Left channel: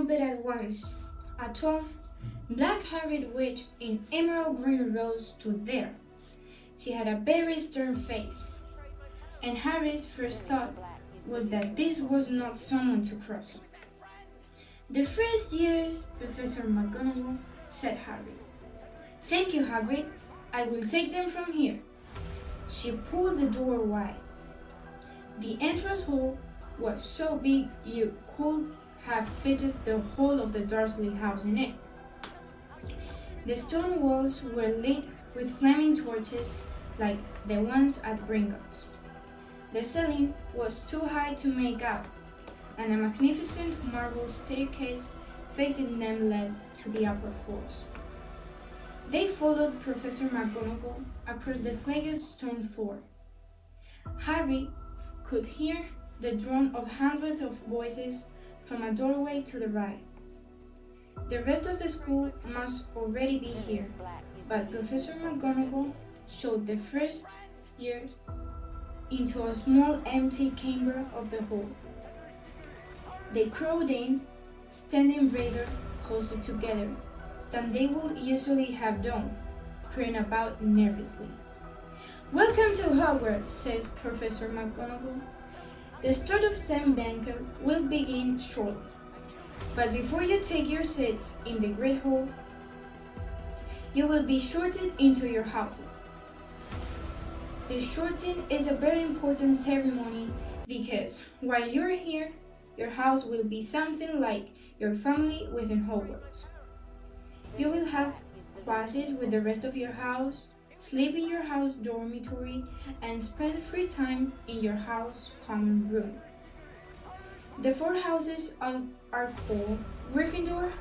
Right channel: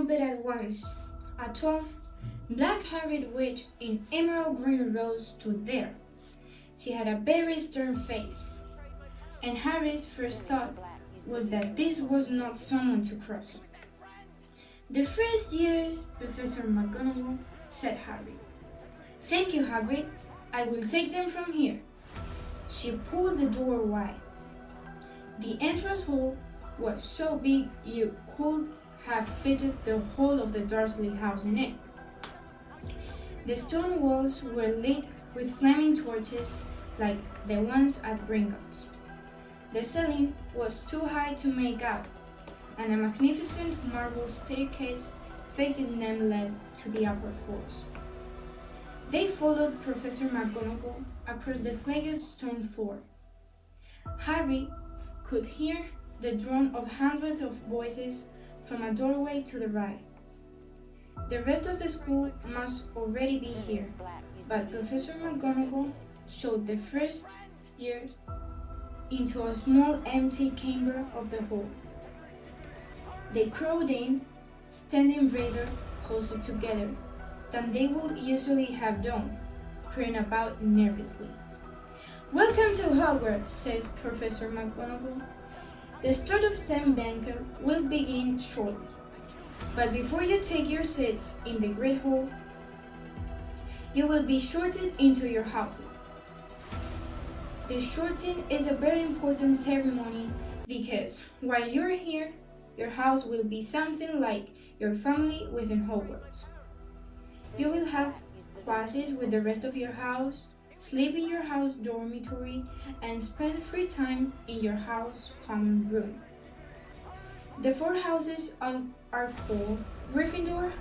trumpet at once. A tall, black-haired witch in emerald green robes stood there. She had a very stern face, and Harry's first thought was that this was not someone to cross. "The first years, Professor McGonagall," said Harry. "Thank you, Hagrid. I will take them from here." She pulled the door wide. The entrance hall was so big you could have fitted the whole of the Dursley house in it. The stone walls were lit with flaming torches like the ones at Gringotts. The ceiling was too high to make out, and a magnificent marble staircase facing them led to the upper floors. They followed Professor McGonagall across the flagged stone floor. Harry could hear the drone of hundreds of voices from a doorway to the right. The rest of the school must already be here, but Professor McGonagall showed the first years into a small empty chamber of the hall. They crowded in, standing rather closer together than they would usually have done, peering about nervously. "Welcome to Hogwarts," said Professor McGonagall. "The start of term banquet will begin shortly, but before you take your seats in the Great Hall, you will be sorted into your houses. The sorting is a very important ceremony because while you're here, your house will be something like your family within Hogwarts. You will have classes with the rest of your house, sleep in your house dormitory, and spend free time in your house common room. The four houses are called Gryffindor,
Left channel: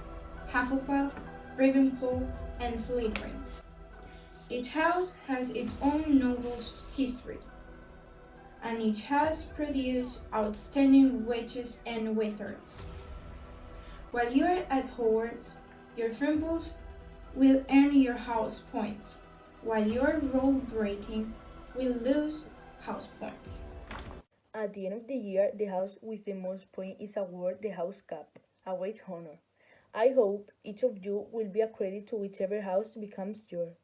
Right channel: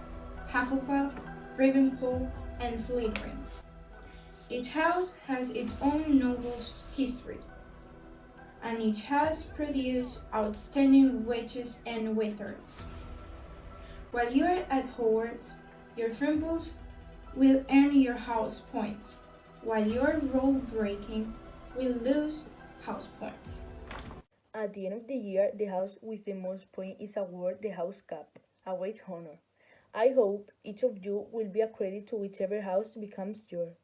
Hufflepuff, Ravenclaw, and Slytherin. Each house has its own novel history, and each has produced outstanding witches and wizards. While you are at Hogwarts, your Fimbulls will earn your house points, while your rule-breaking will lose house points. At the end of the year, the house with the most points is awarded the house cap, a great honor. I hope each of you will be accredited to whichever house becomes yours.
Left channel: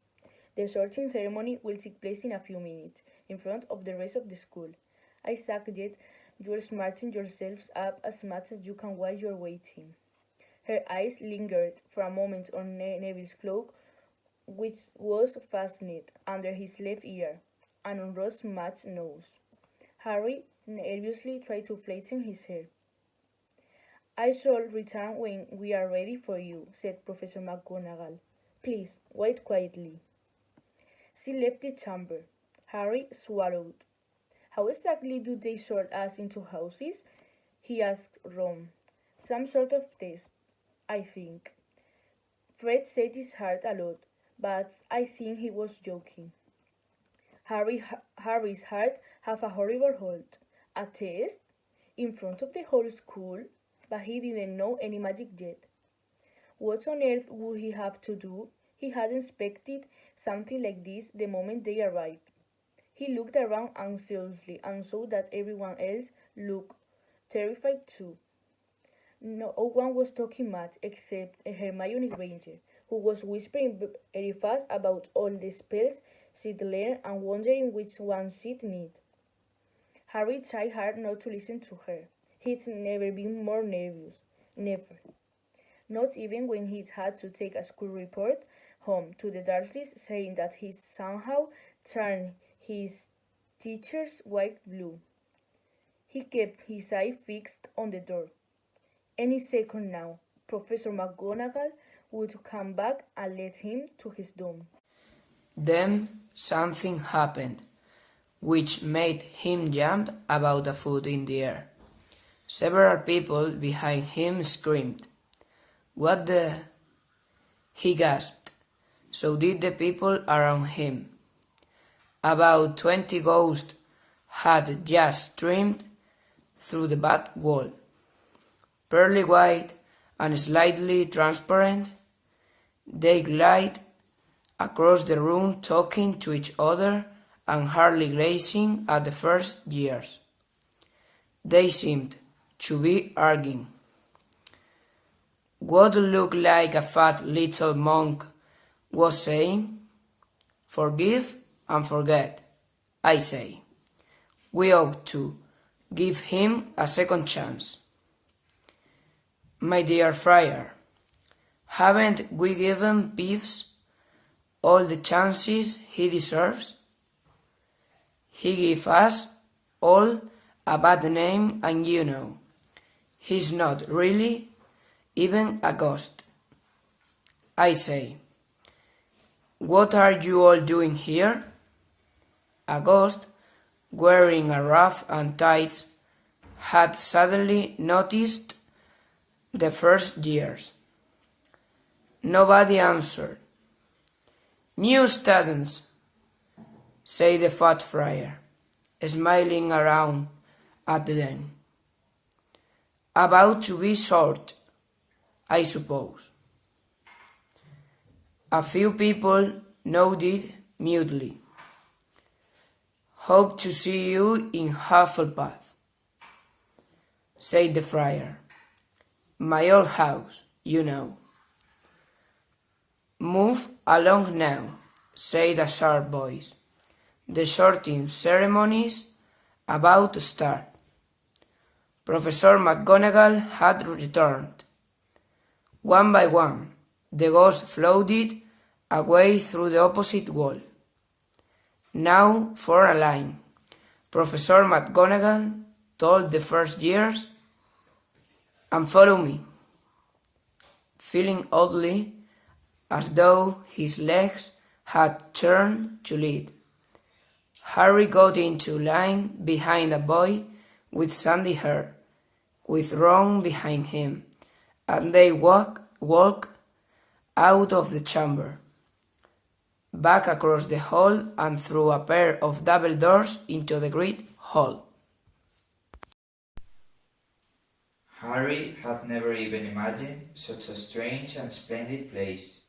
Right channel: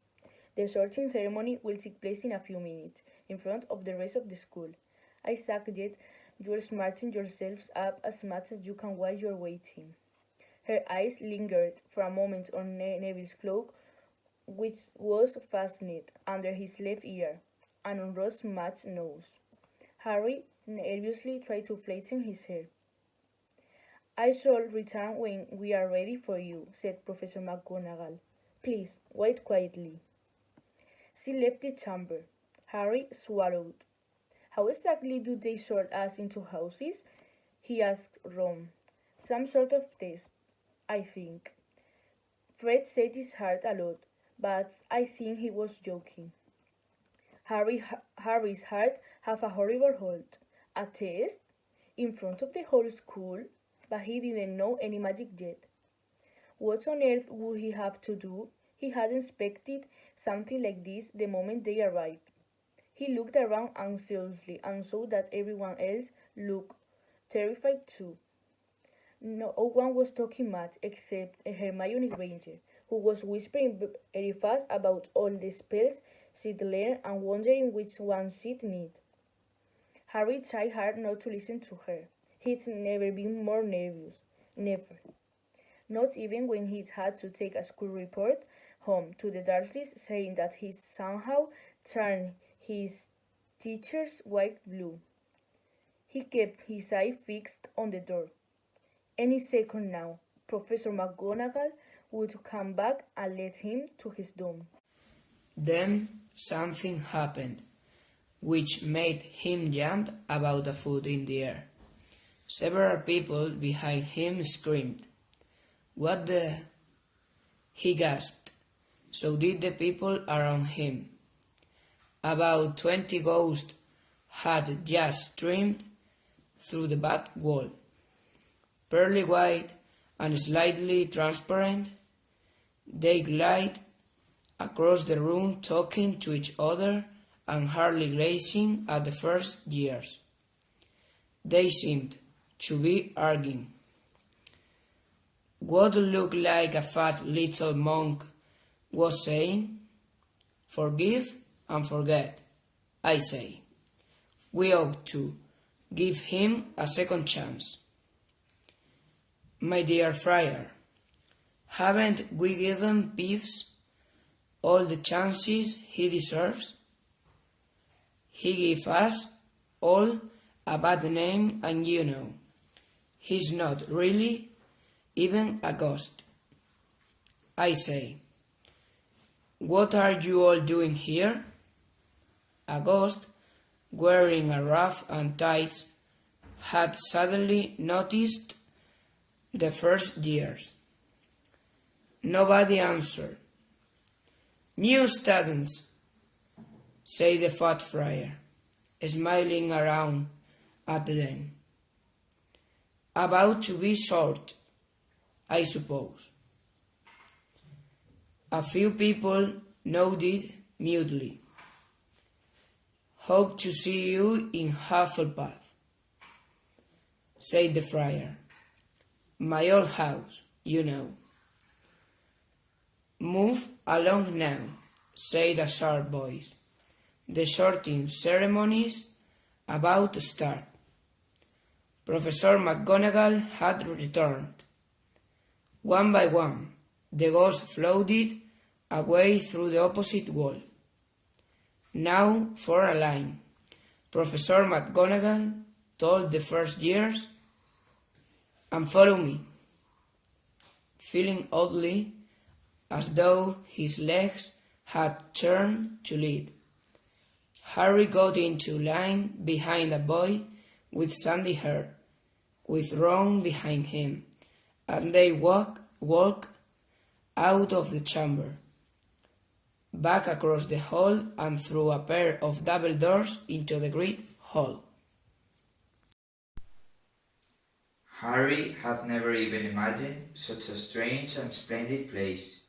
The sorting ceremony will take place in a few minutes, in front of the rest of the school. I suggest you smarten yourselves up as much as you can while you're waiting." Her eyes lingered for a moment on Neville's cloak, which was fastened under his left ear, and on Ron's matched nose. Harry nervously tried to flatten his hair. "I shall return when we are ready for you," said Professor McGonagall. "Please, wait quietly." She left the chamber. Harry swallowed. "How exactly do they sort us into houses?" he asked Ron. "Some sort of test, I think." Fred set his heart a lot, but I think he was joking. Harry's heart had a horrible hold. A test? In front of the whole school? But he didn't know any magic yet. What on earth would he have to do? He had expected something like this the moment they arrived. He looked around anxiously and saw that everyone else looked terrified too. No one was talking much except Hermione Granger, who was whispering very fast about all the spells she'd learned and wondering which ones she'd need. Harry tried hard not to listen to her. He'd never been more nervous. Never. Not even when he'd had to take a school report home to the Dursleys saying that he somehow turned his teacher's white blue. He kept his eye fixed on the door. Any second now, Professor McGonagall would come back and lead him to his doom. Then something happened, which made him jump about a foot in the air. Several people behind him screamed. "What the—" he gasped. So did the people around him. About 20 ghosts had just streamed through the back wall. Pearly white and slightly transparent, they glide across the room talking to each other and hardly glancing at the first years. They seemed to be arguing. what looked like a fat little monk was saying, "Forgive and forget, I say. We ought to give him a second chance." My dear friar, haven't we given Peeves all the chances he deserves? He gave us all a bad name, and you know, he's not really even a ghost. I say, what are you all doing here? A ghost, wearing a ruff and tights, had suddenly noticed the first years. Nobody answered. "New students," said the fat friar, smiling around at them. "About to be short, I suppose." A few people nodded mutely. "Hope to see you in Hufflepuff," said the friar. "My old house, you know." "Move along now," said a sharp voice. "The sorting ceremony's about to start." Professor McGonagall had returned. One by one, the ghosts floated away through the opposite wall. "Now for a line," Professor McGonagall told the first years, "and follow me." Feeling oddly as though his legs had turned to lead, Harry got into line behind a boy with sandy hair, with Ron behind him, and they walked out of the chamber, back across the hall and through a pair of double doors into the great hall. Harry had never even imagined such a strange and splendid place.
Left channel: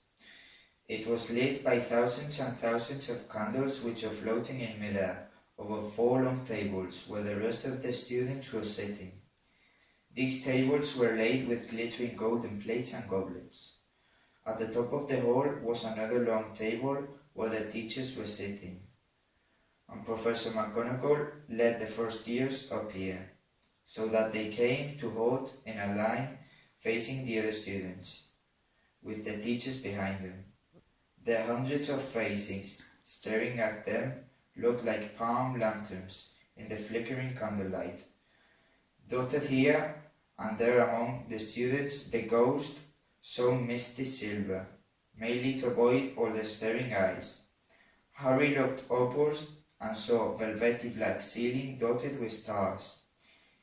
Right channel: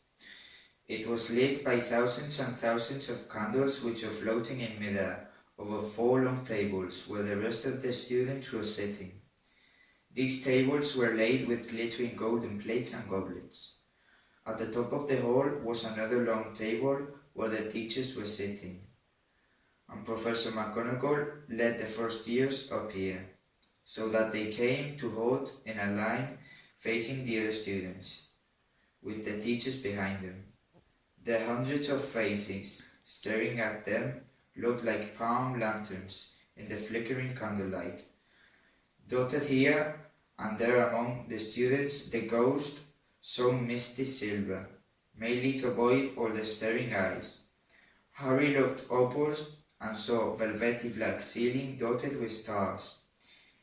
It was lit by thousands and thousands of candles which were floating in midair over 4 long tables where the rest of the students were sitting. These tables were laid with glittering golden plates and goblets. At the top of the hall was another long table where the teachers were sitting, and Professor McGonagall led the first years up here, so that they came to halt in a line facing the other students, with the teachers behind them. The hundreds of faces staring at them looked like palm lanterns in the flickering candlelight. Dotted here and there among the students, the ghost saw misty silver, mainly to avoid all the staring eyes. Harry looked upwards and saw a velvety black ceiling dotted with stars.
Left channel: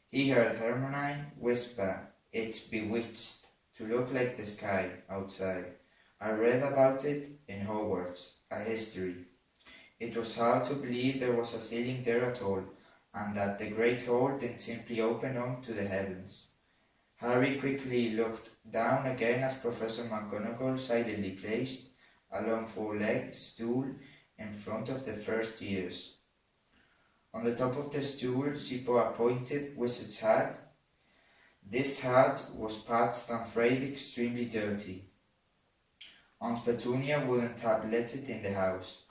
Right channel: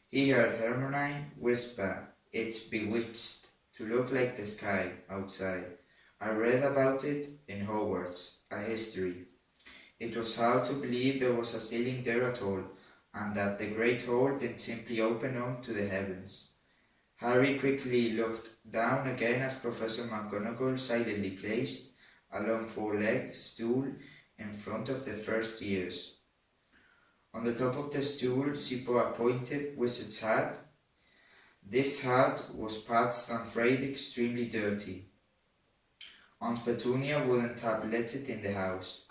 He heard Hermione whisper, "It's bewitched to look like the sky outside. I read about it in Hogwarts, a history. It was hard to believe there was a ceiling there at all, and that the great hall didn't simply open on to the heavens." Harry quickly looked down again as Professor McGonagall silently placed a long 4-legged stool in front of the first years. On the top of the stool she put a pointed wizard's hat. This hat was patched and frayed, extremely dirty. Aunt Petunia wouldn't have let it in the house.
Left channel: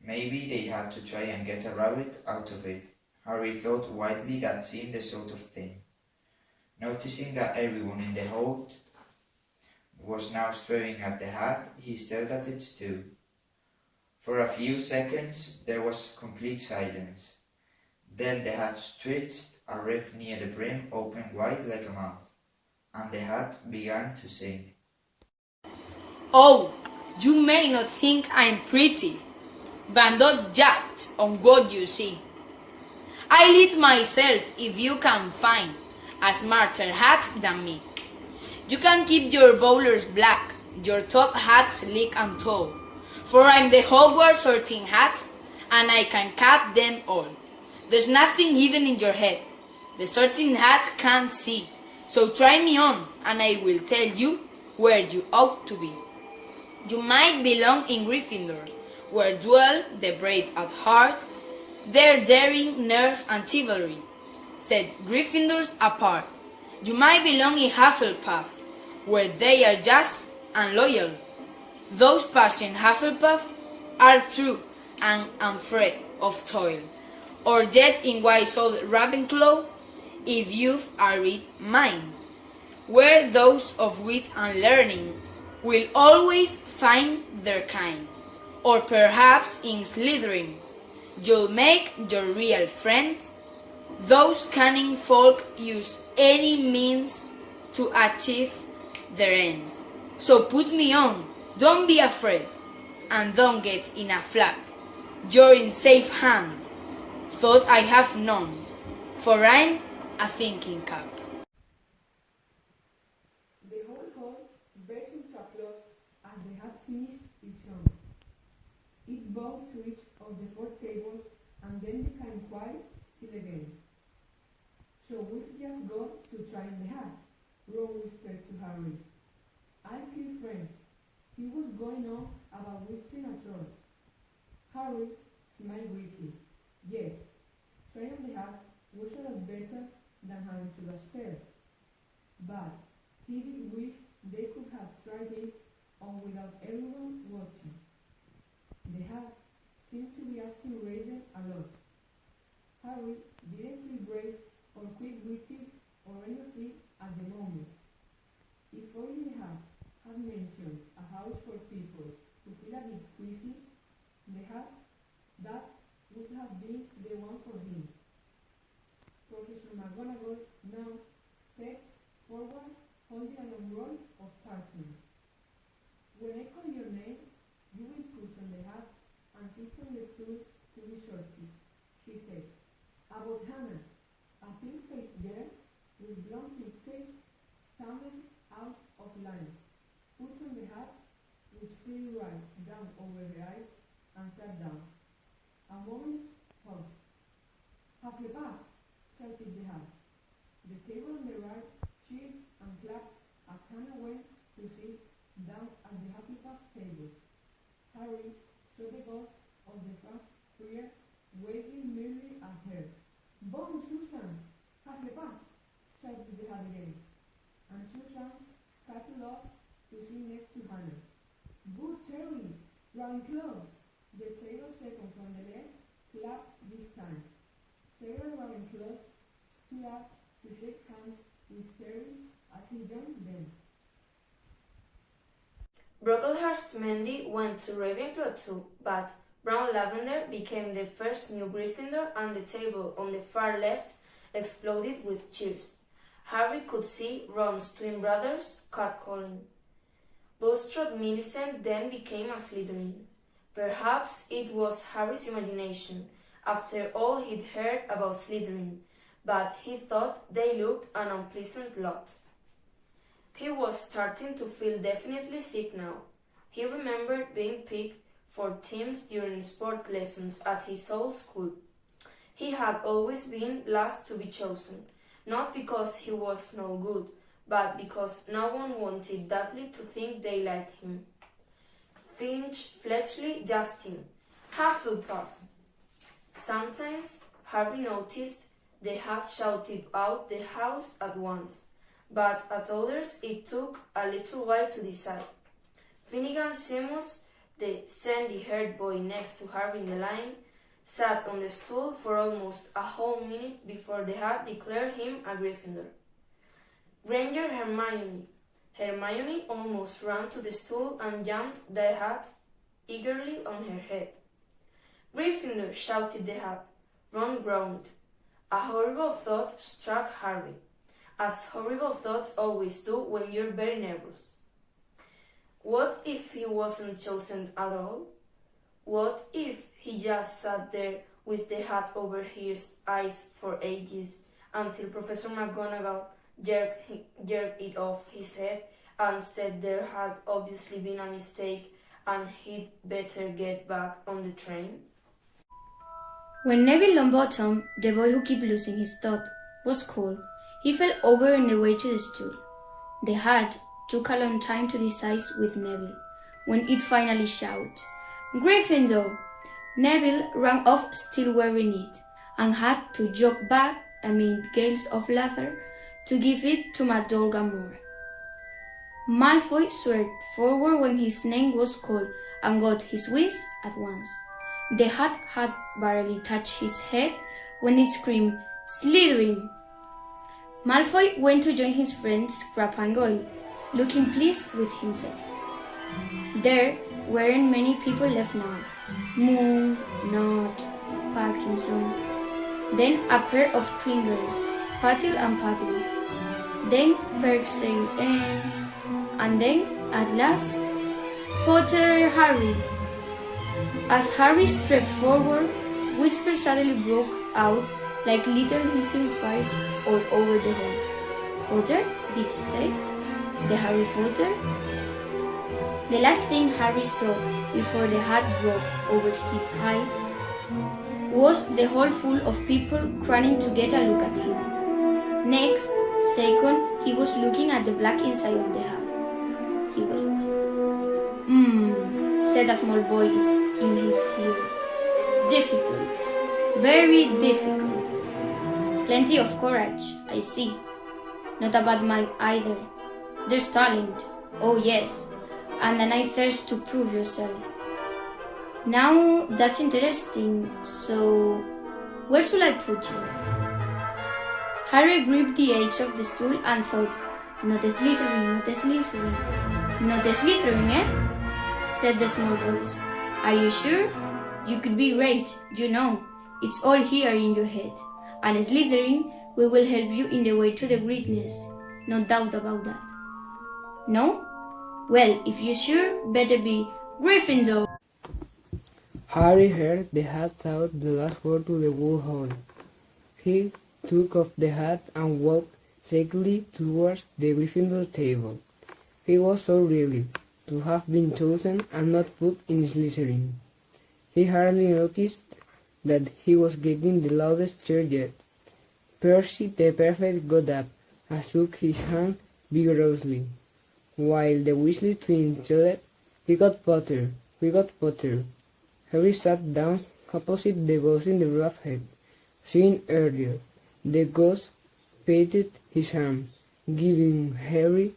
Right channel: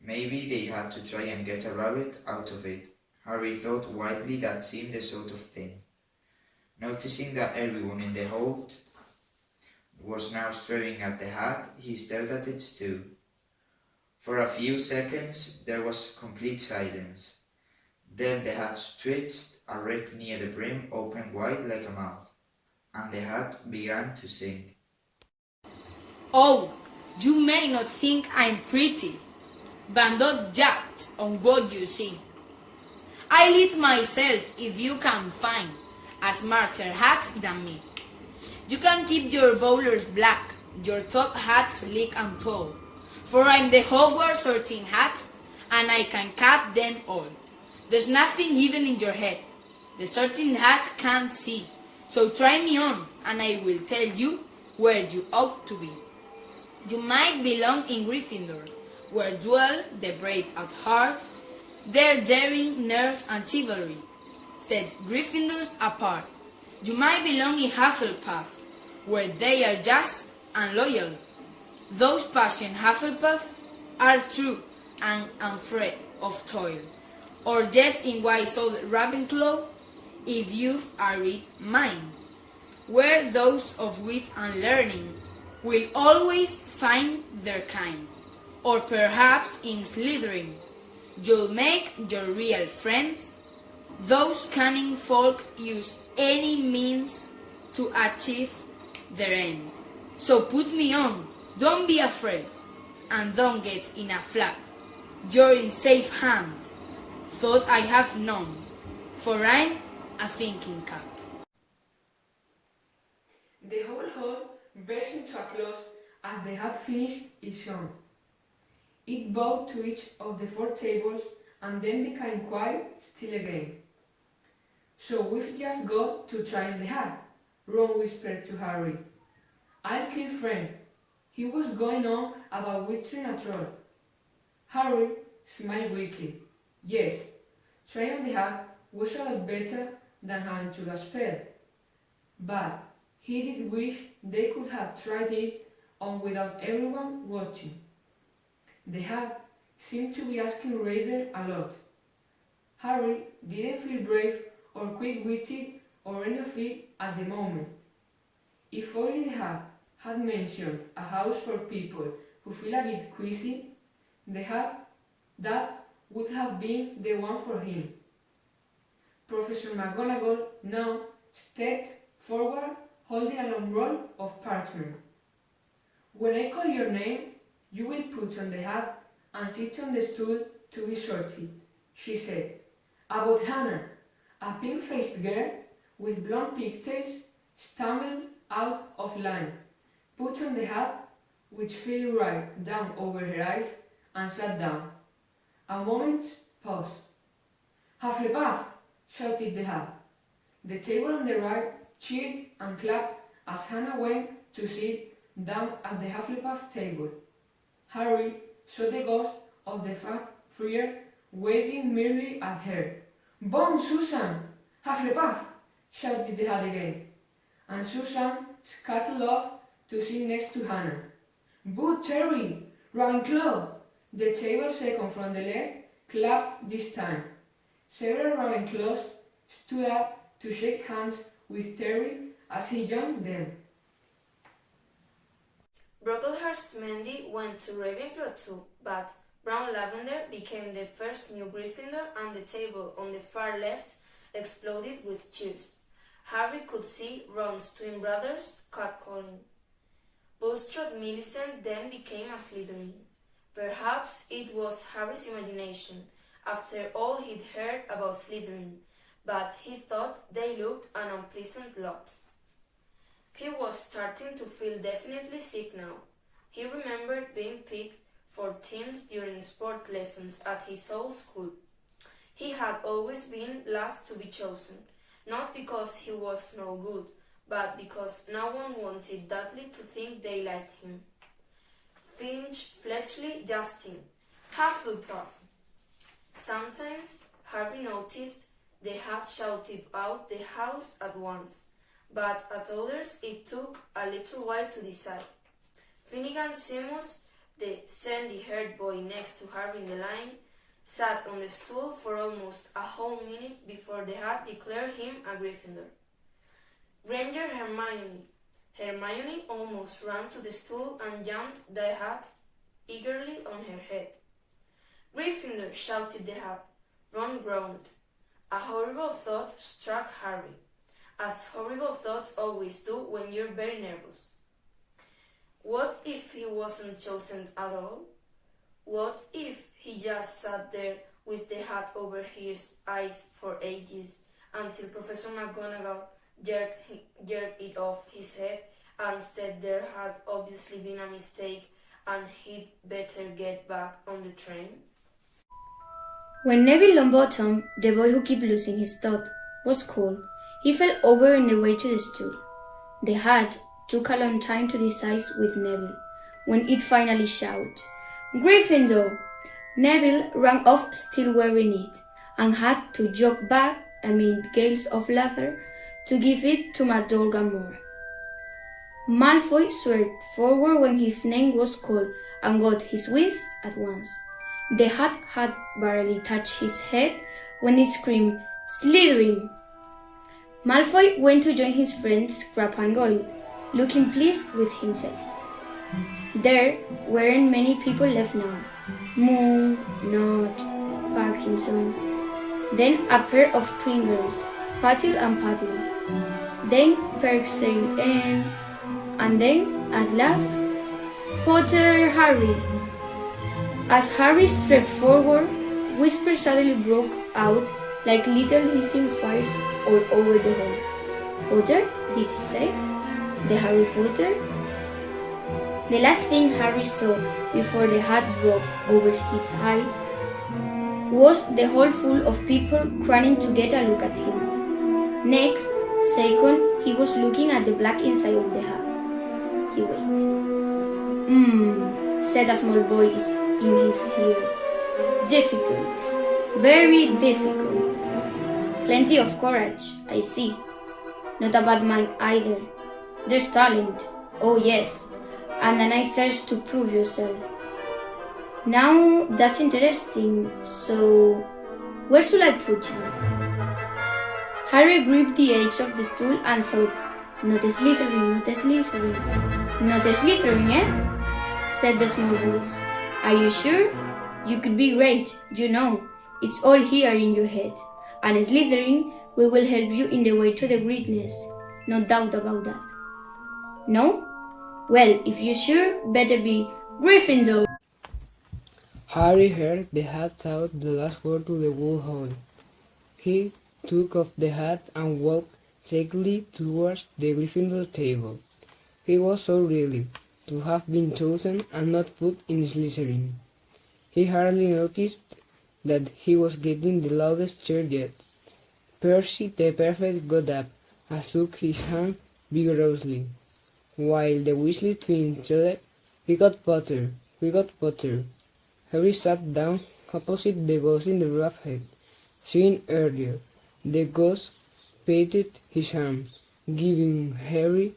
Maybe they had to try and get a rabbit out of it. Harry thought widely that seemed the sort of thing. Noticing that everyone in the hall was now staring at the hat, he stared at it too. For a few seconds there was complete silence. Then the hat stretched, a rip near the brim opened wide like a mouth, and the hat began to sing. "Oh, you may not think I'm pretty, but don't judge on what you see. I lit myself if you can find a smarter hat than me. You can keep your bowlers black, your top hat sleek and tall, for I'm the Hogwarts sorting hat, and I can cut them all. There's nothing hidden in your head. The sorting hat can't see, so try me on, and I will tell you where you ought to be. You might belong in Gryffindor, where dwell the brave at heart, their daring, nerve, and chivalry set Gryffindors apart. You might belong in Hufflepuff, where they are just and loyal. Those passionate Hufflepuff are true and unafraid of toil. Or yet in wise old Ravenclaw, if youth are read mine, where those of wit and learning will always find their kind. Or perhaps in Slytherin, you'll make your real friends. Those cunning folk use any means to achieve their ends. So put me on, don't be afraid, and don't get in a flag. You're in safe hands. Thought I have none, for I'm a thinking cap. The whole hall burst into applause as they had finished each song. It bowed to each of the four tables and then became quiet till again. So we've just got to try the hat, Ron whispered to Harry. I feel friends. He was going on about whispering at all. Harry smiled weakly. Yes, trying the hat was a lot better than having to go upstairs. But he did wish they could have tried it on without everyone watching. The hat seemed to be asking Raven a lot. Harry didn't feel brave or quick-witted or anything at the moment. If only the hat had mentioned a house for people who feel a bit queasy, that would have been the one for him. Professor McGonagall now stepped forward holding a long roll of parchment. When I call your name, you will put on the hat and sit on the stool to be sorted, she said. About Hannah, a pink-faced girl with blonde pigtails stammered out of line, put on the hat, which flew right down over her eyes, and sat down. A moment's pause. Hufflepuff, shouted the hat. The table on the right cheered and clapped as Hannah went to sit down at the Hufflepuff table. Harry saw the ghost of the fast friar waving merrily at her. Bon, Susan! Hufflepuff! shouted the hat again. And Susan scuttled off to sit next to Hannah. Good Terry! Ravenclaw! The table second from the left clapped this time. Several Ravenclaws stood up to shake hands with Terry as he joined them. Brocklehurst Mendy went to Ravenclaw too, but Brown Lavender became the first new Gryffindor and the table on the far left exploded with cheers. Harry could see Ron's twin brothers catcalling. Bulstrode Millicent then became a Slytherin. Perhaps it was Harry's imagination, after all he'd heard about Slytherin, but he thought they looked an unpleasant lot. He was starting to feel definitely sick now. He remembered being picked for teams during sport lessons at his old school. He had always been last to be chosen, not because he was no good, but because no one wanted Dudley to think they liked him. Finch, Fletchley, Justin, Hufflepuff. Sometimes Harry noticed the hat shouted out the house at once, but at others it took a little while to decide. Finnegan Seamus, the sandy-haired boy next to Harry in the line, sat on the stool for almost a whole minute before the hat declared him a Gryffindor. Granger Hermione. Hermione almost ran to the stool and jammed the hat eagerly on her head. Gryffindor, shouted the hat. Ron groaned. A horrible thought struck Harry, as horrible thoughts always do when you're very nervous. What if he wasn't chosen at all? What if he just sat there with the hat over his eyes for ages until Professor McGonagall jerked it off his head and said there had obviously been a mistake and he'd better get back on the train? When Neville Longbottom, the boy who kept losing his thought, was called, he fell over on the way to the stool. The hat took a long time to decide with Neville. When it finally shouted, "Gryffindor!" Neville ran off still wearing it, and had to jog back amid gales of laughter to give it to McDonagall. Malfoy swerved forward when his name was called and got his wish at once. The hat had barely touched his head when it screamed, "Slytherin!" Malfoy went to join his friends Crabbe and Goyle, looking pleased with himself. There weren't many people left now. Moon, Nod, Parkinson. Then a pair of twin girls, Patil and Patil. Then Perksale and then, at last, Potter Harry. As Harry stepped forward, whispers suddenly broke out like little hissing fires all over the hall. "Potter?" did he say. "The Harry Potter?" The last thing Harry saw before the hat broke over his eye was the hall full of people craning to get a look at him. Next second, he was looking at the black inside of the hat. He waited. Said a small voice in his ear. "Difficult. Very difficult. Plenty of courage, I see. Not a bad mind either. There's talent. Oh yes. And a nice thirst to prove yourself. Now that's interesting. So, where should I put you?" Harry gripped the edge of the stool and thought, "Not a Slytherin, not a Slytherin. Not a Slytherin, eh?" said the small voice. "Are you sure? You could be great, you know. It's all here in your head. And a Slytherin, we will help you in the way to the greatness. No doubt about that. No? Well, if you're sure, better be Gryffindor." Harry heard the hat shout the last word to the whole hall. He took off the hat and walked shakily towards the Gryffindor table. He was so relieved to have been chosen and not put in Slytherin. He hardly noticed that he was getting the loudest cheer yet. Percy the Perfect got up and shook his hand vigorously, while the Weasley twins yelled, "We got Potter! We got Potter!" Harry sat down opposite the ghost in the rough head. Seen earlier, the ghost patted his arm, giving Harry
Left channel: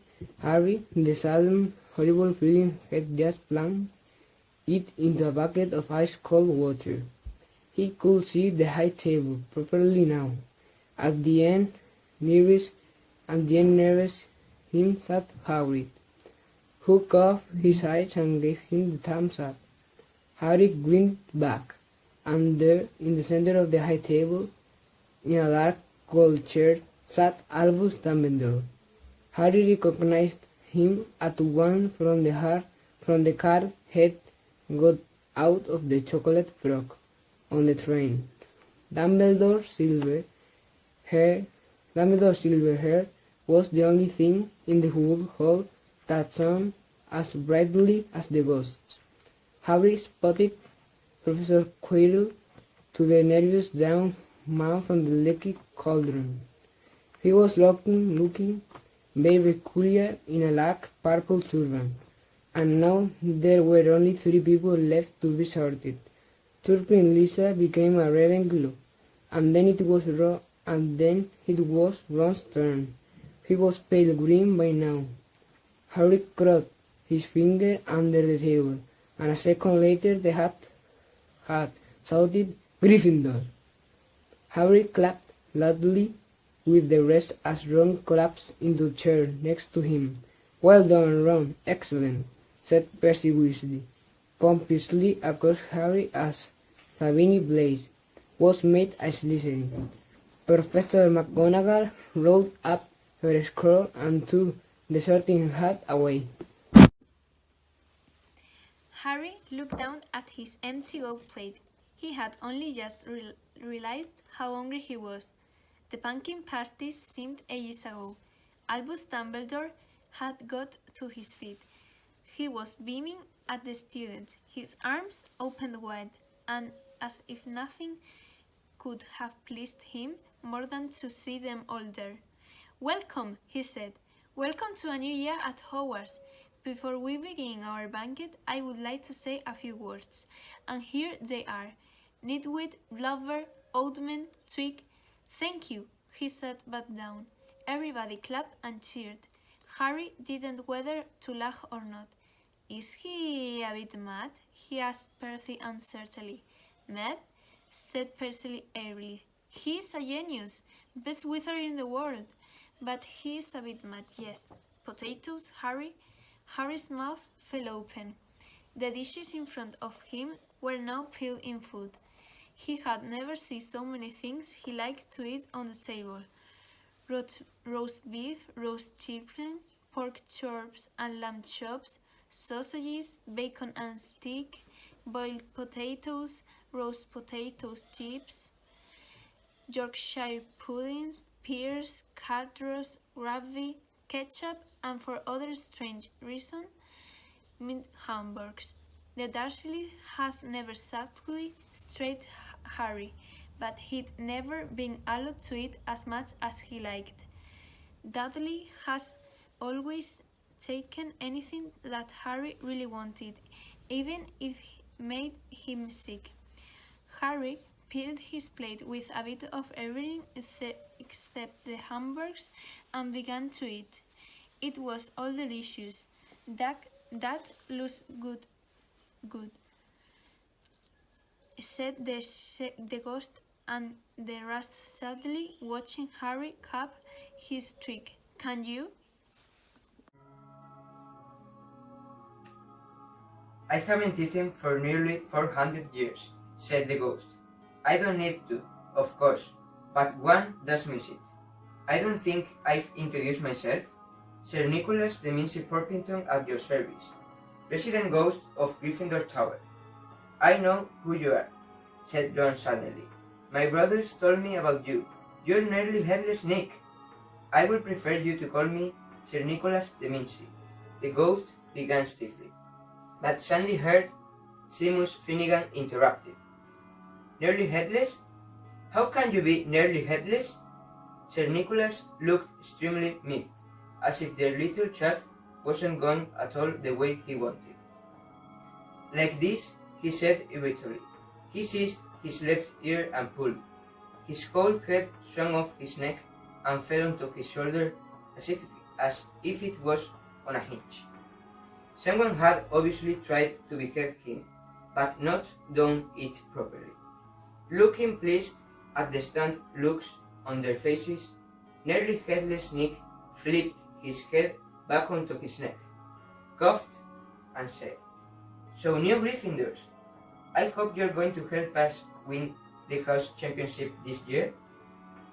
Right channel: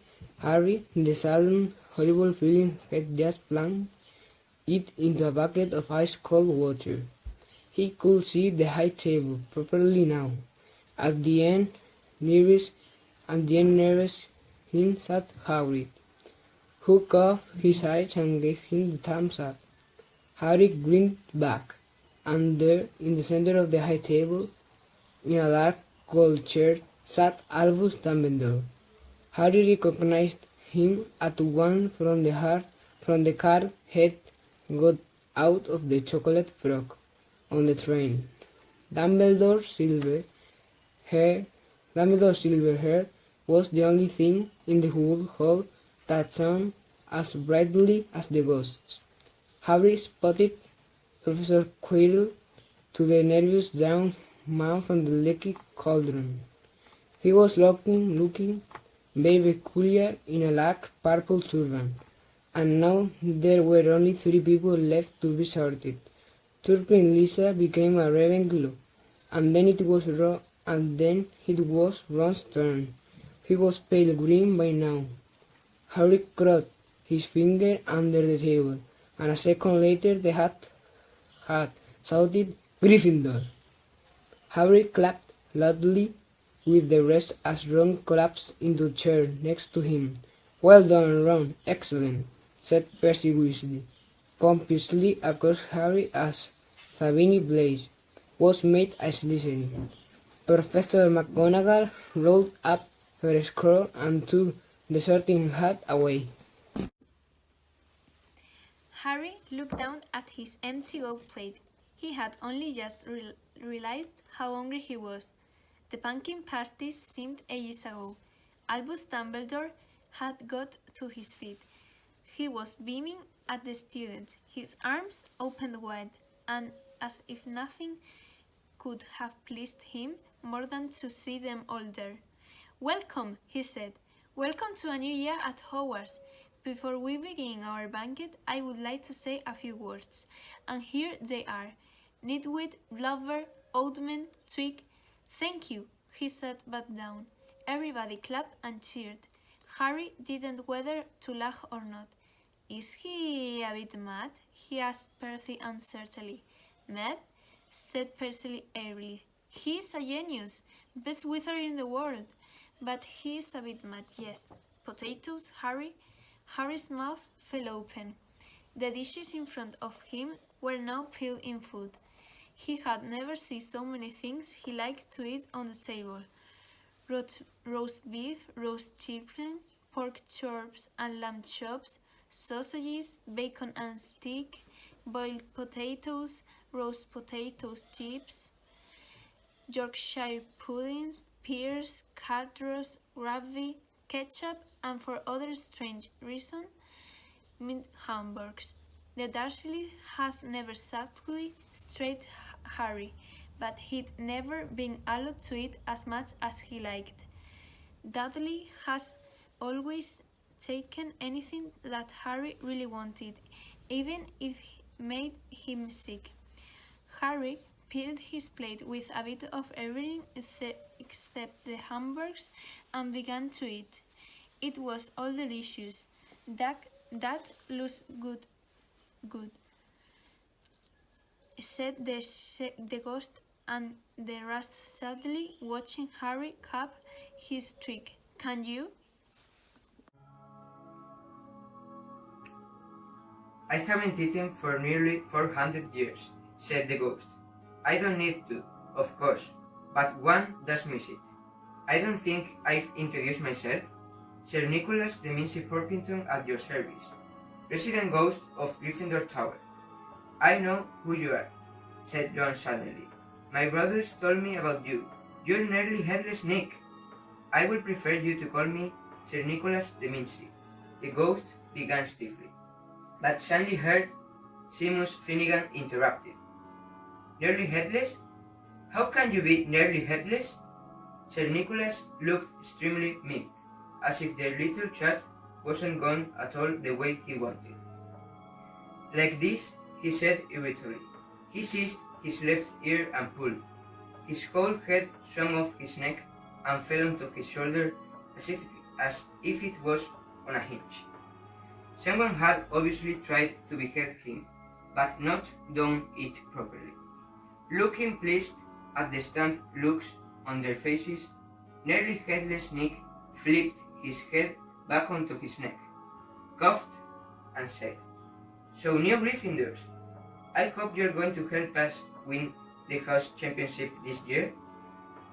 the sudden horrible feeling had just plunged it into a bucket of ice-cold water. He could see the high table properly now. At the end, nearest him sat Hagrid, who cocked his eyes and gave him the thumbs up. Harry grinned back, and there, in the center of the high table, in a dark gold chair, sat Albus Dumbledore. Harry recognized him at once from the car head got out of the chocolate frog on the train. Dumbledore's silver hair was the only thing in the whole hall that shone as brightly as the ghosts. Harry spotted Professor Quirrell to the nervous young man from the leaky cauldron. He was looking very peculiar in a large purple turban, and now there were only 3 people left to be sorted. Turpin Lisa became a Ravenclaw, and then it was Ron's turn. He was pale green by now. Harry caught his finger under the table, and a second later the hat shouted, "Gryffindor!" Harry clapped loudly with the rest as Ron collapsed into a chair next to him. "Well done, Ron, excellent," said Percy Weasley, pompously across Harry as Nagini Blaze was made a Slytherin. Professor McGonagall rolled up her scroll and took the sorting hat away. Harry looked down at his empty gold plate. He had only just realized how hungry he was. The pumpkin pasties seemed ages ago. Albus Dumbledore had got to his feet. He was beaming at the students, his arms opened wide, and as if nothing could have pleased him more than to see them all there. "Welcome," he said. "Welcome to a new year at Hogwarts. Before we begin our banquet, I would like to say a few words. And here they are. Nitwit, Blubber, Oatman, Twig. Thank you," he sat back down. Everybody clapped and cheered. Harry didn't whether to laugh or not. Is he a bit mad? He asked Percy uncertainly. Mad? Said Percy airily. He's a genius, best wizard in the world. But he's a bit mad, yes. Potatoes, Harry? Harry's mouth fell open. The dishes in front of him were now peeled in food. He had never seen so many things he liked to eat on the table. Roast beef, roast chicken, pork chops and lamb chops, sausages, bacon and steak, boiled potatoes, roast potatoes chips, Yorkshire puddings, pears, carrots, gravy, ketchup, and for other strange reason, mint hamburgers. The Dursleys had never exactly straight Harry, but he'd never been allowed to eat as much as he liked. Dudley has always taken anything that Harry really wanted, even if it made him sick. Harry filled his plate with a bit of everything except the hamburgers and began to eat. It was all delicious. That looks good, said the ghost, and the rest sadly watching Harry cap his trick. Can you? I haven't eaten for nearly 400 years, said the ghost. I don't need to, of course, but one does miss it. I don't think I've introduced myself. Sir Nicholas de Mincy Porpington at your service, Resident Ghost of Gryffindor Tower. I know who you are, said Ron suddenly. My brothers told me about you. You're nearly headless Nick. I would prefer you to call me Sir Nicholas de Mincy. The ghost began stiffly. But sandy-haired Seamus Finnegan interrupted. Nearly headless? How can you be nearly headless? Sir Nicholas looked extremely miffed, as if their little chat wasn't going at all the way he wanted. Like this, he said irritably. He seized his left ear and pulled. His whole head swung off his neck and fell onto his shoulder as if it was on a hinge. Someone had obviously tried to behead him, but not done it properly. Looking pleased at the stunned looks on their faces, nearly headless Nick flipped his head back onto his neck, coughed, and said, So new Gryffindors, I hope you're going to help us win the house championship this year.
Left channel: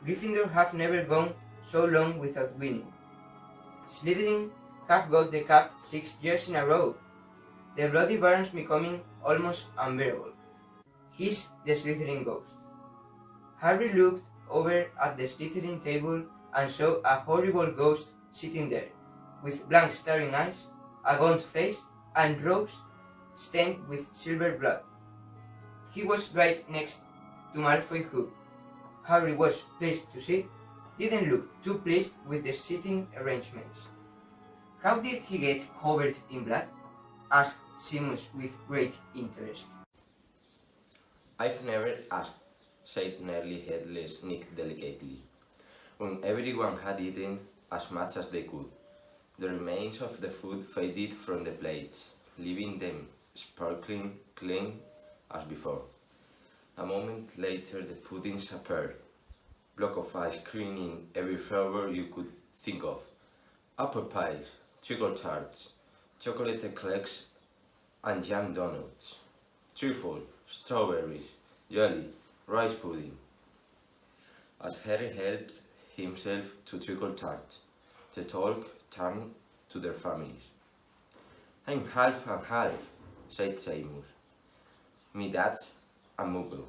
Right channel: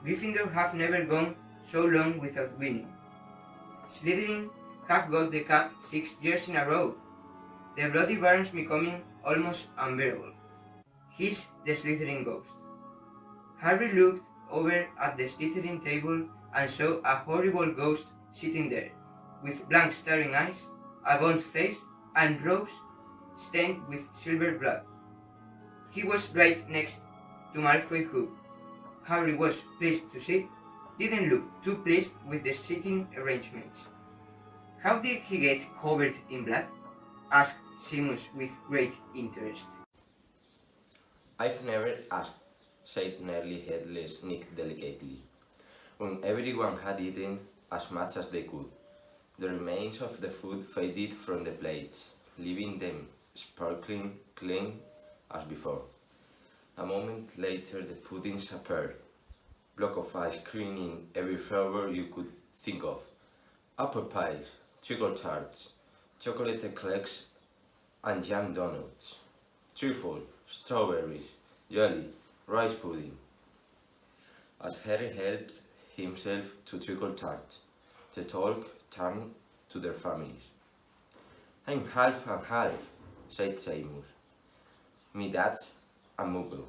Gryffindor have never gone so long without winning. Slytherin have got the cup 6 years in a row. The Bloody Baron's becoming almost unbearable. He's the Slytherin ghost. Harry looked over at the Slytherin table and saw a horrible ghost sitting there, with blank staring eyes, a gaunt face, and robes stained with silver blood. He was right next to Malfoy, who, Harry was pleased to see, didn't look too pleased with the seating arrangements. How did he get covered in blood? Asked Seamus with great interest. I've never asked, said nearly headless Nick delicately. When everyone had eaten as much as they could, the remains of the food faded from the plates, leaving them sparkling clean as before. A moment later the puddings appeared, block of ice cream in every flavor you could think of, apple pies, treacle tarts, chocolate eclairs, and jam donuts, truffle, strawberries, jelly, rice pudding. As Harry helped himself to treacle tarts, the talk turned to their families. I'm half and half, said Seamus. Me dad's a muggle.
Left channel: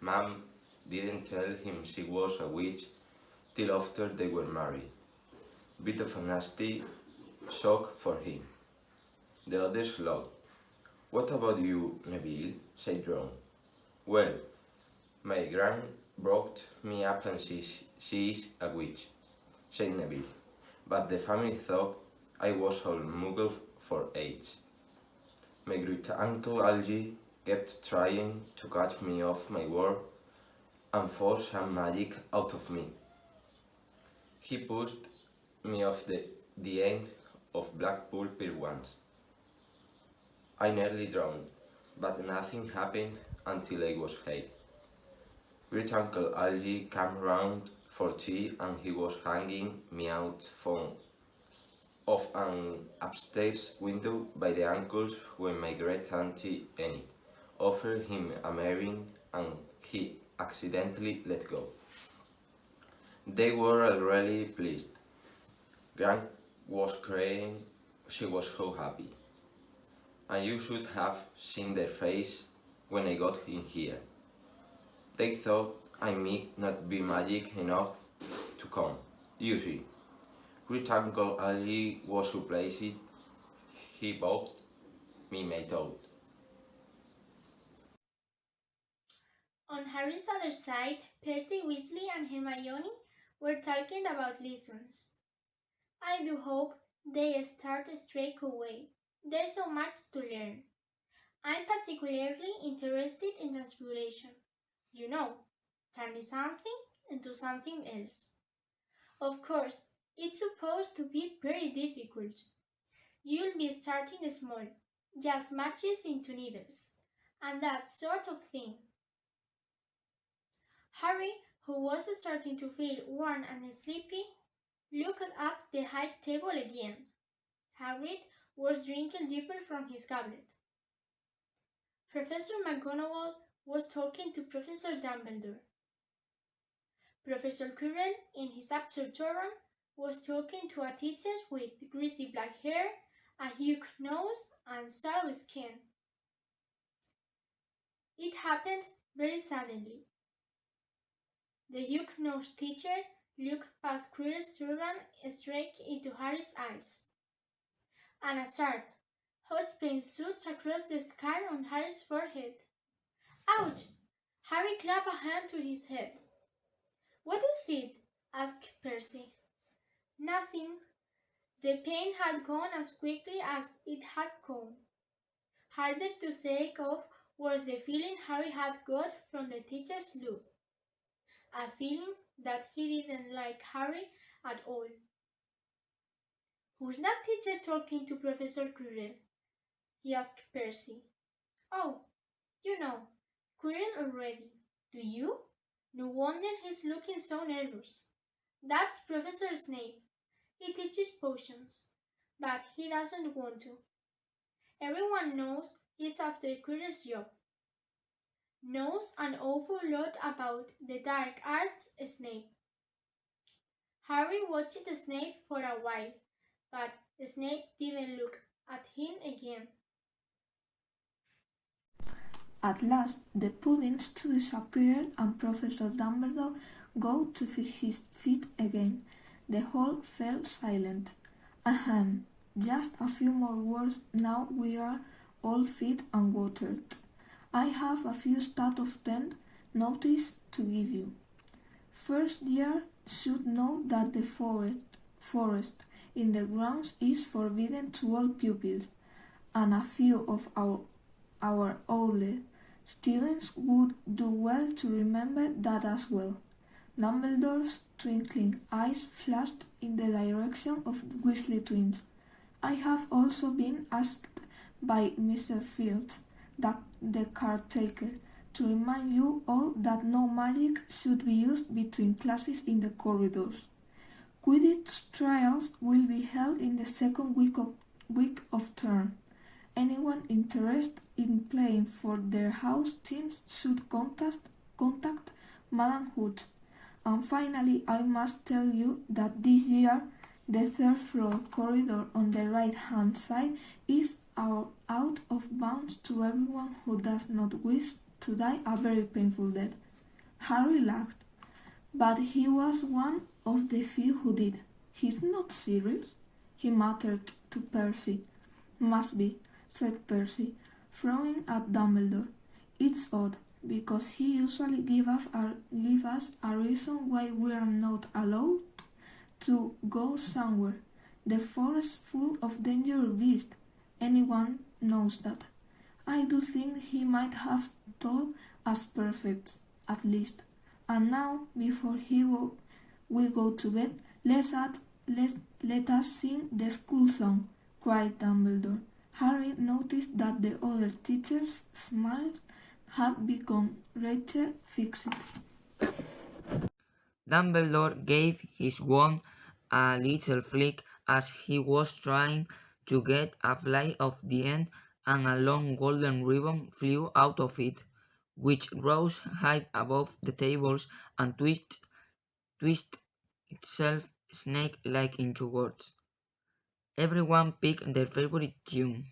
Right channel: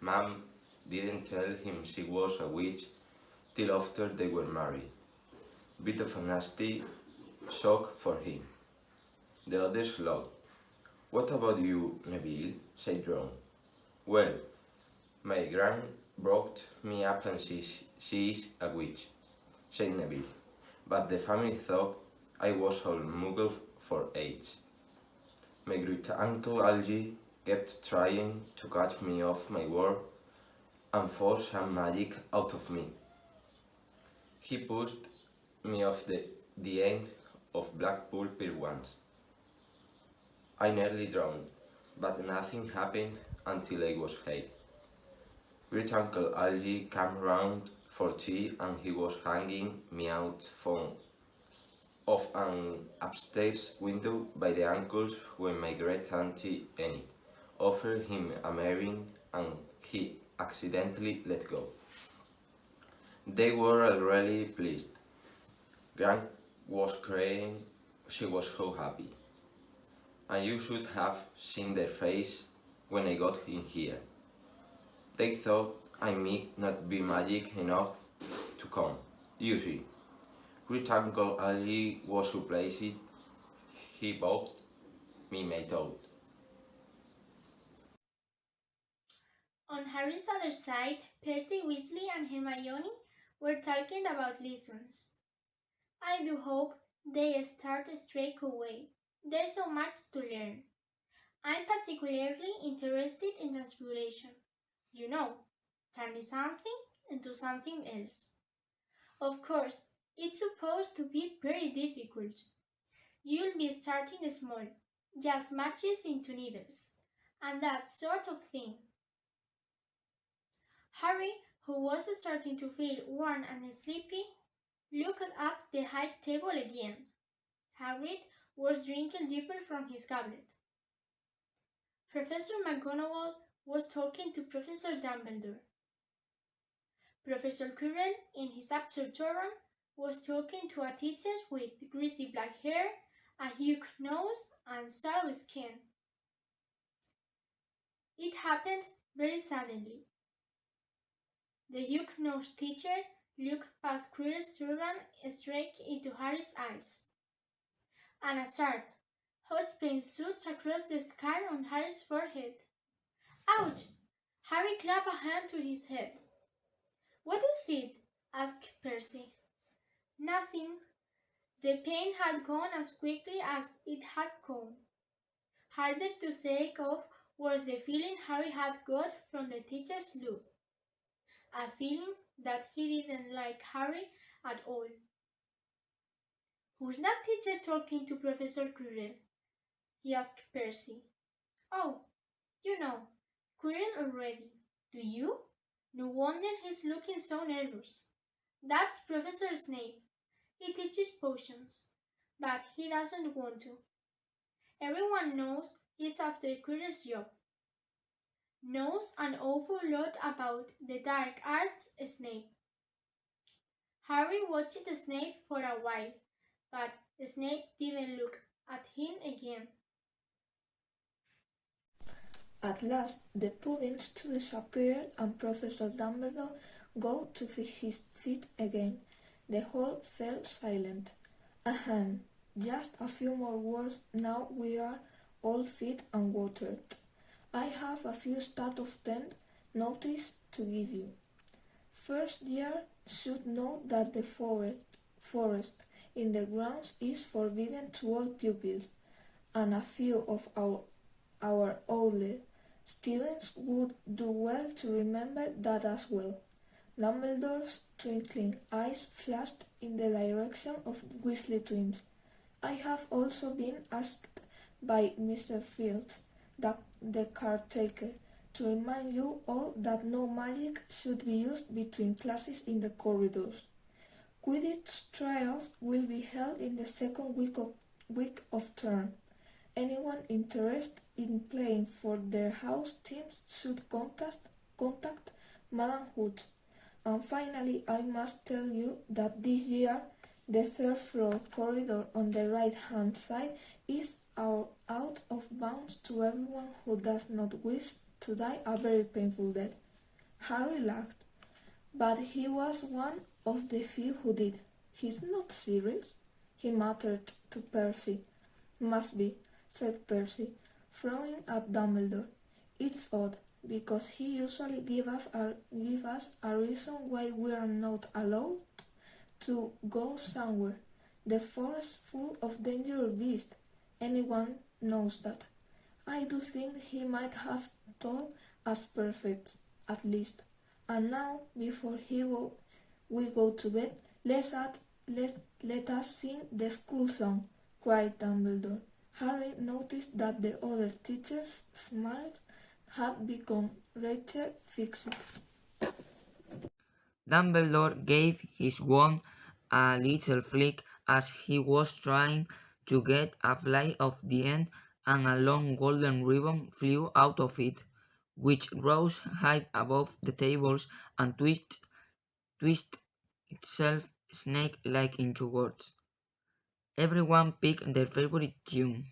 Mum didn't tell him she was a witch till after they were married. Bit of a nasty shock for him. The others laughed. What about you, Neville? Said Ron. Well, my gran brought me up and she is a witch, said Neville. But the family thought I was all muggle for age. My great uncle Algie kept trying to catch me off my word and force some magic out of me. He pushed me off the the end of Blackpool Pier once. I nearly drowned, but nothing happened until I was 8. Great Uncle Algie came round for tea and he was hanging me out from of an upstairs window by the ankles when my great auntie Enid offered him a marrying and he accidentally let go. They were already pleased. Gran was crying, she was so happy. And you should have seen their face when I got in here. They thought I might not be magic enough to come. You see, Great Uncle Ali was surprised. He bought me my toad. On Harry's other side, Percy, Weasley and Hermione were talking about lessons. I do hope they start straight away. There's so much to learn. I'm particularly interested in transfiguration. You know, turning something into something else. Of course, it's supposed to be very difficult. You'll be starting small, just matches into needles, and that sort of thing. Harry, who was starting to feel worn and sleepy, looked up the high table again. Hagrid was drinking deeper from his goblet. Professor McGonagall was talking to Professor Dumbledore. Professor Quirrell, in his absurd was talking to a teacher with greasy black hair, a hook nose, and sallow skin. It happened very suddenly. The hook-nosed teacher looked past Quirrell's turban straight into Harry's eyes, and a sharp, hot pain shot across the scar on Harry's forehead. Ouch! Harry clapped a hand to his head. What is it? Asked Percy. Nothing. The pain had gone as quickly as it had come. Harder to shake off was the feeling Harry had got from the teacher's look. A feeling that he didn't like Harry at all. Who's that teacher talking to Professor Quirrell? He asked Percy. Oh, you know, Quirrell already. Do you? No wonder he's looking so nervous. That's Professor Snape. He teaches potions, but he doesn't want to. Everyone knows he's after Quirrell's job. Knows an awful lot about the dark arts, Snape. Harry watched Snape for a while, but Snape didn't look at him again. At last, the puddings disappeared and Professor Dumbledore got to his feet again. The hall fell silent. Ahem, just a few more words now we are all fed and watered. I have a few stat of 10 notice to give you. First year should know that the forest in the grounds is forbidden to all pupils, and a few of our older students would do well to remember that as well. Dumbledore's twinkling eyes flashed in the direction of the Weasley twins. I have also been asked by Mr. Fields, the caretaker, to remind you all that no magic should be used between classes in the corridors. Quidditch trials will be held in the second week of term. Anyone interested in playing for their house teams should contact Madam Hooch. And finally, I must tell you that this year the third floor corridor on the right-hand side is out of bounds to everyone who does not wish to die a very painful death. Harry laughed, but he was one of the few who did. He's not serious, he muttered to Percy. Must be, said Percy, frowning at Dumbledore. It's odd, because he usually gives us a reason why we are not allowed to go somewhere. The forest full of dangerous beasts. Anyone knows that. I do think he might have told us perfect, at least. And now, before we go to bed, let's let us sing the school song, cried Dumbledore. Harry noticed that the other teachers' smiles had become rather fixed. Dumbledore gave his wand a little flick as he was trying to get a fly off the end, and a long golden ribbon flew out of it, which rose high above the tables and twisted itself snake-like into words. "Everyone pick their favorite tune,"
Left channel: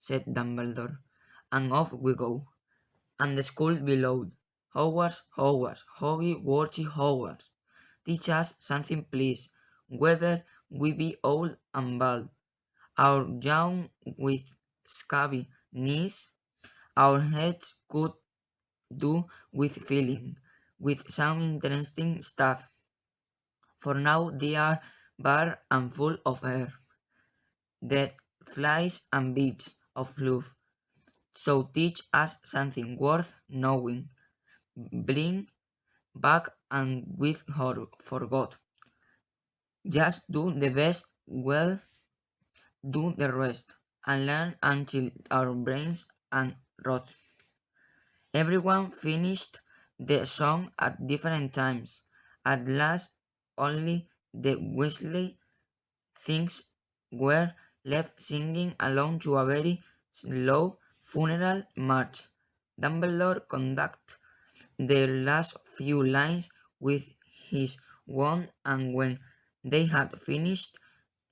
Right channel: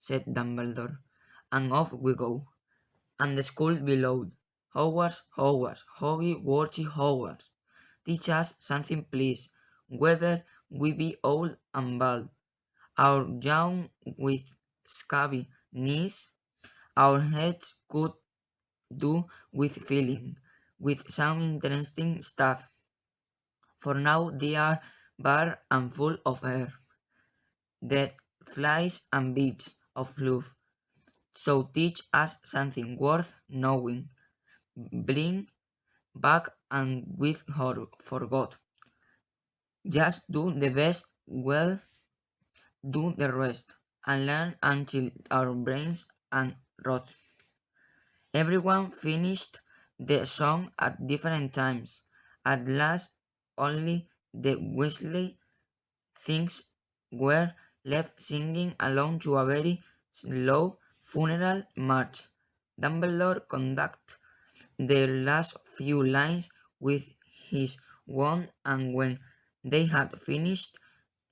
said Dumbledore, "and off we go." And the school bellowed, "Hogwarts, Hogwarts, Hoggy Hogwarts. Teach us something please, whether we be old and bald, or young with scabby knees, our heads could do with filling, with some interesting stuff, for now they are bare and full of air, dead flies and bits of fluff. So teach us something worth knowing. Bring back and we've forgot. Just do the best, well, do the rest, and learn until our brains and rot." Everyone finished the song at different times. At last, only the Weasley things were left singing along to a very slow funeral march. Dumbledore conducted the last few lines with his wand, and when they had finished,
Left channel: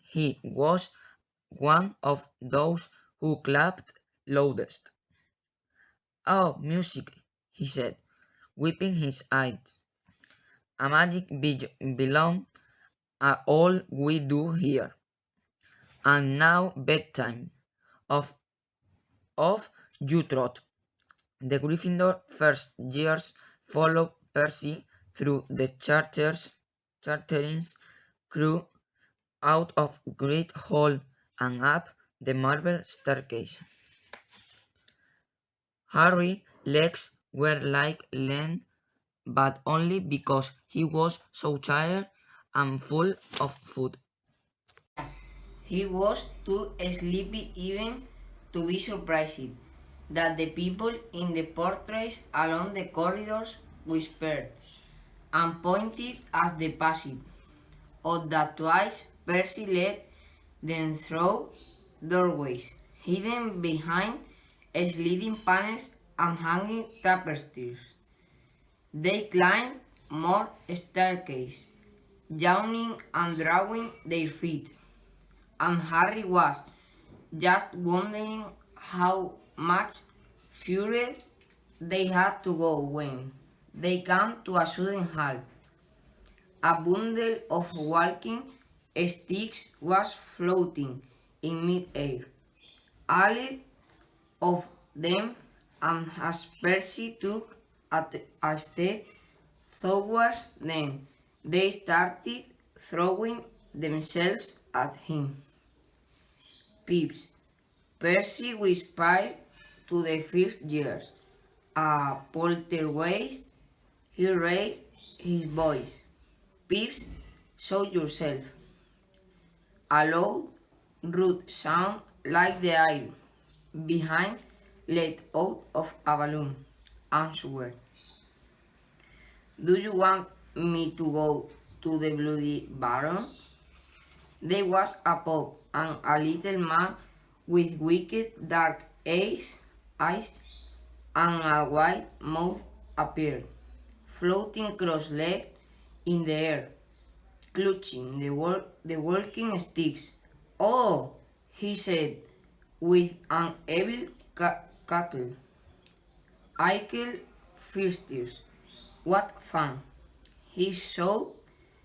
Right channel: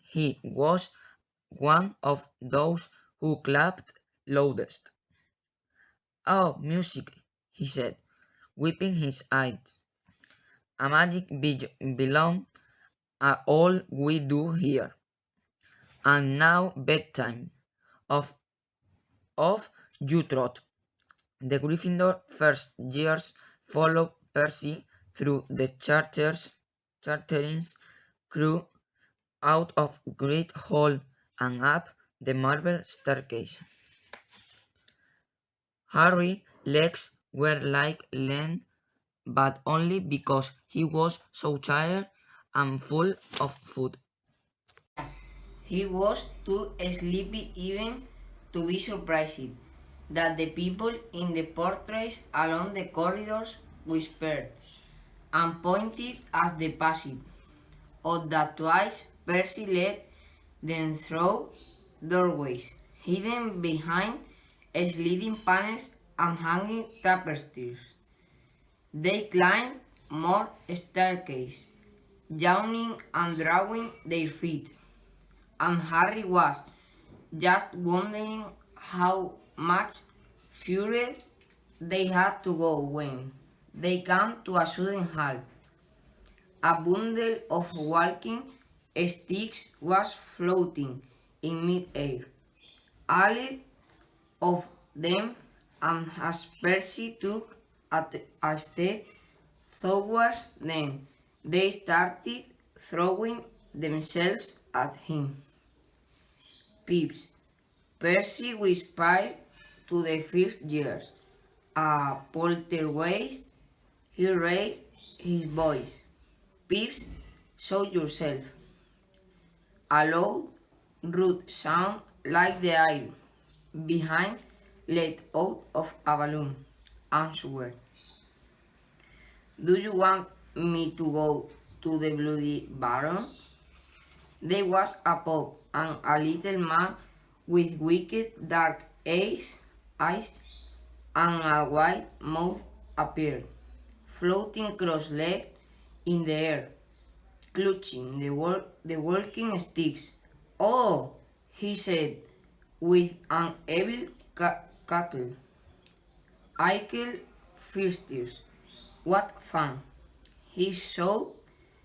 he was one of those who clapped loudest. "Oh, music," he said, wiping his eyes. "A magic belong all we do here. And now bedtime. Off you trot." The Gryffindor first years followed Percy through the chartering crew out of Great Hall and up the marble staircase. Harry's legs were like lead, but only because he was so tired and full of food. He was too sleepy even to be surprised that the people in the portraits along the corridors whispered and pointed as they passed, or that twice Percy led them through doorways hidden behind sliding panels and hanging tapestries. They climbed more staircases, yawning and drawing their feet, and Harry was just wondering how much further they had to go when they came to a sudden halt. A bundle of walking sticks was floating in mid-air. All of them, and as Percy took a step towards them, they started throwing themselves at him. "Pips," Percy whispered to the first years. "A poltergeist?" He raised his voice. "Pips, show yourself." A loud, rude sound like the air behind let out of a balloon answered, "Do you want me to go to the Bloody Baron?" There was a pop, and a little man with wicked dark eyes and a wide mouth appeared, floating cross-legged in the air, clutching the walking sticks. "Oh," he said with an evil cackle. "Ickle Fisters, what fun!" He shouted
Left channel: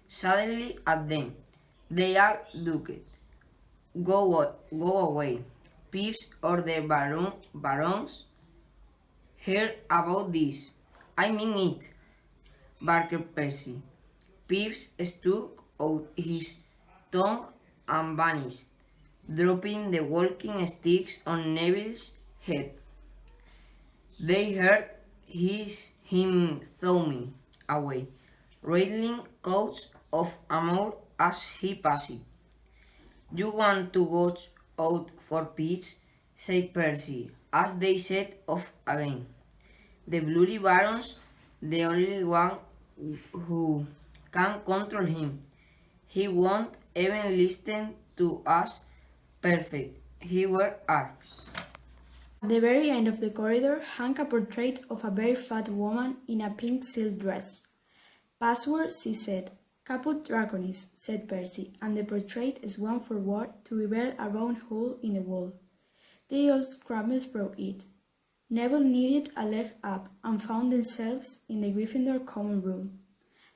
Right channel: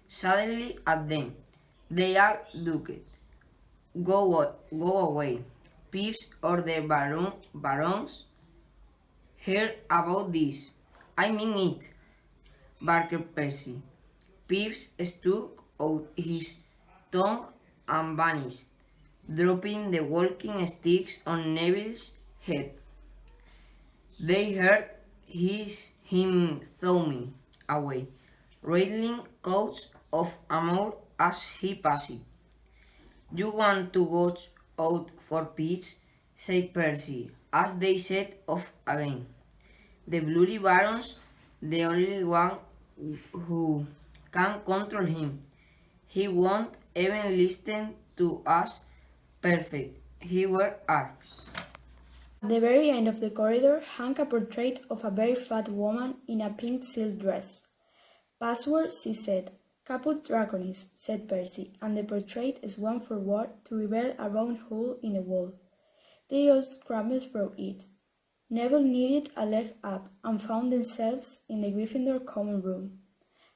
suddenly at them. They all ducked. Go away. Peeves or the barons heard about this. I mean it," barked Percy. Peeves stuck out his tongue and vanished, dropping the walking sticks on Neville's head. They heard him thumbing away, rattling coats of armor as he passed. "You want to go out for peace?" said Percy, as they set off again. "The Bloody Baron's the only one who can control him. He won't even listen to us. Perfect. He were are." At the very end of the corridor hung a portrait of a very fat woman in a pink silk dress. "Password," she said. "Caput Draconis," said Percy, and the portrait swung forward to reveal a round hole in the wall. They all scrambled through it. Neville needed a leg up and found themselves in the Gryffindor common room,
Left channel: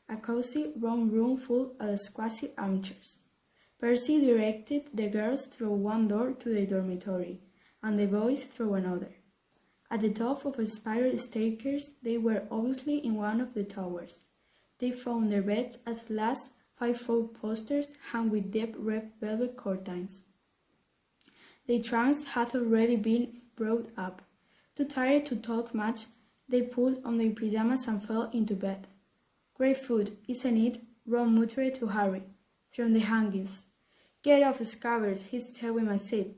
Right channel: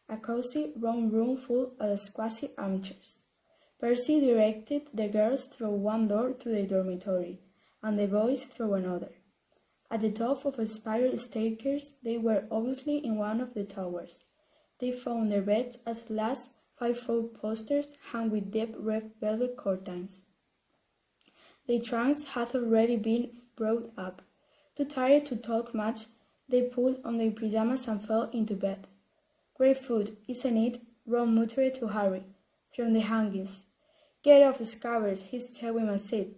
a cozy round room full of squashy armchairs. Percy directed the girls through one door to the dormitory, and the boys through another. At the top of a spiral staircase, they were obviously in one of the towers. They found their beds at last, 5-foot posters hung with deep red velvet curtains. Their trunks had already been brought up. Too tired to talk much, they pulled on their pyjamas and fell into bed. "Great food, isn't it?" Ron muttered to Harry, from the hangings. "Get off, Scabbers, he's chewing my seat."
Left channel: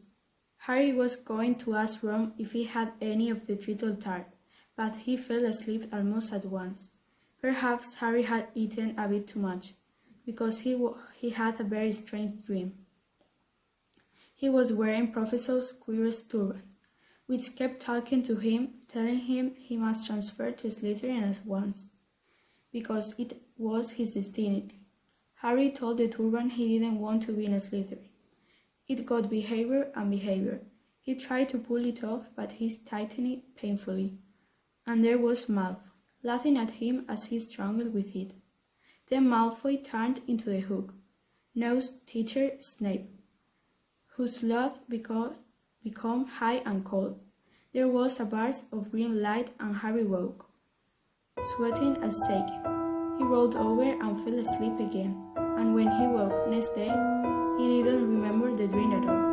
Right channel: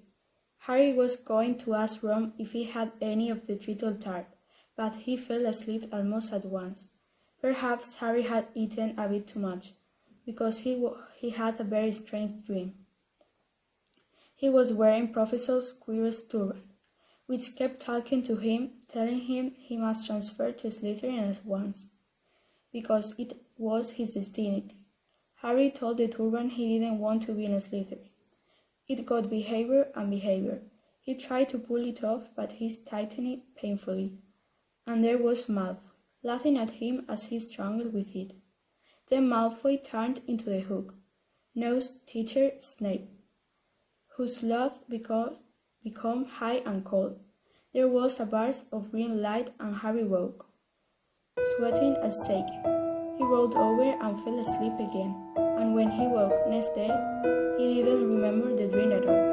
Harry was going to ask Ron if he had any of the treacle tart, but he fell asleep almost at once. Perhaps Harry had eaten a bit too much, because he had a very strange dream. He was wearing Professor Squirrel's turban, which kept talking to him, telling him he must transfer to Slytherin at once, because it was his destiny. Harry told the turban he didn't want to be in Slytherin. It got behavior and behavior. He tried to pull it off, but he tightened it painfully. And there was Malfoy, laughing at him as he struggled with it. Then Malfoy turned into the hook, nosed teacher Snape, whose laugh became high and cold. There was a burst of green light and Harry woke, sweating and shaking. He rolled over and fell asleep again, and when he woke next day, he didn't remember the dream at all.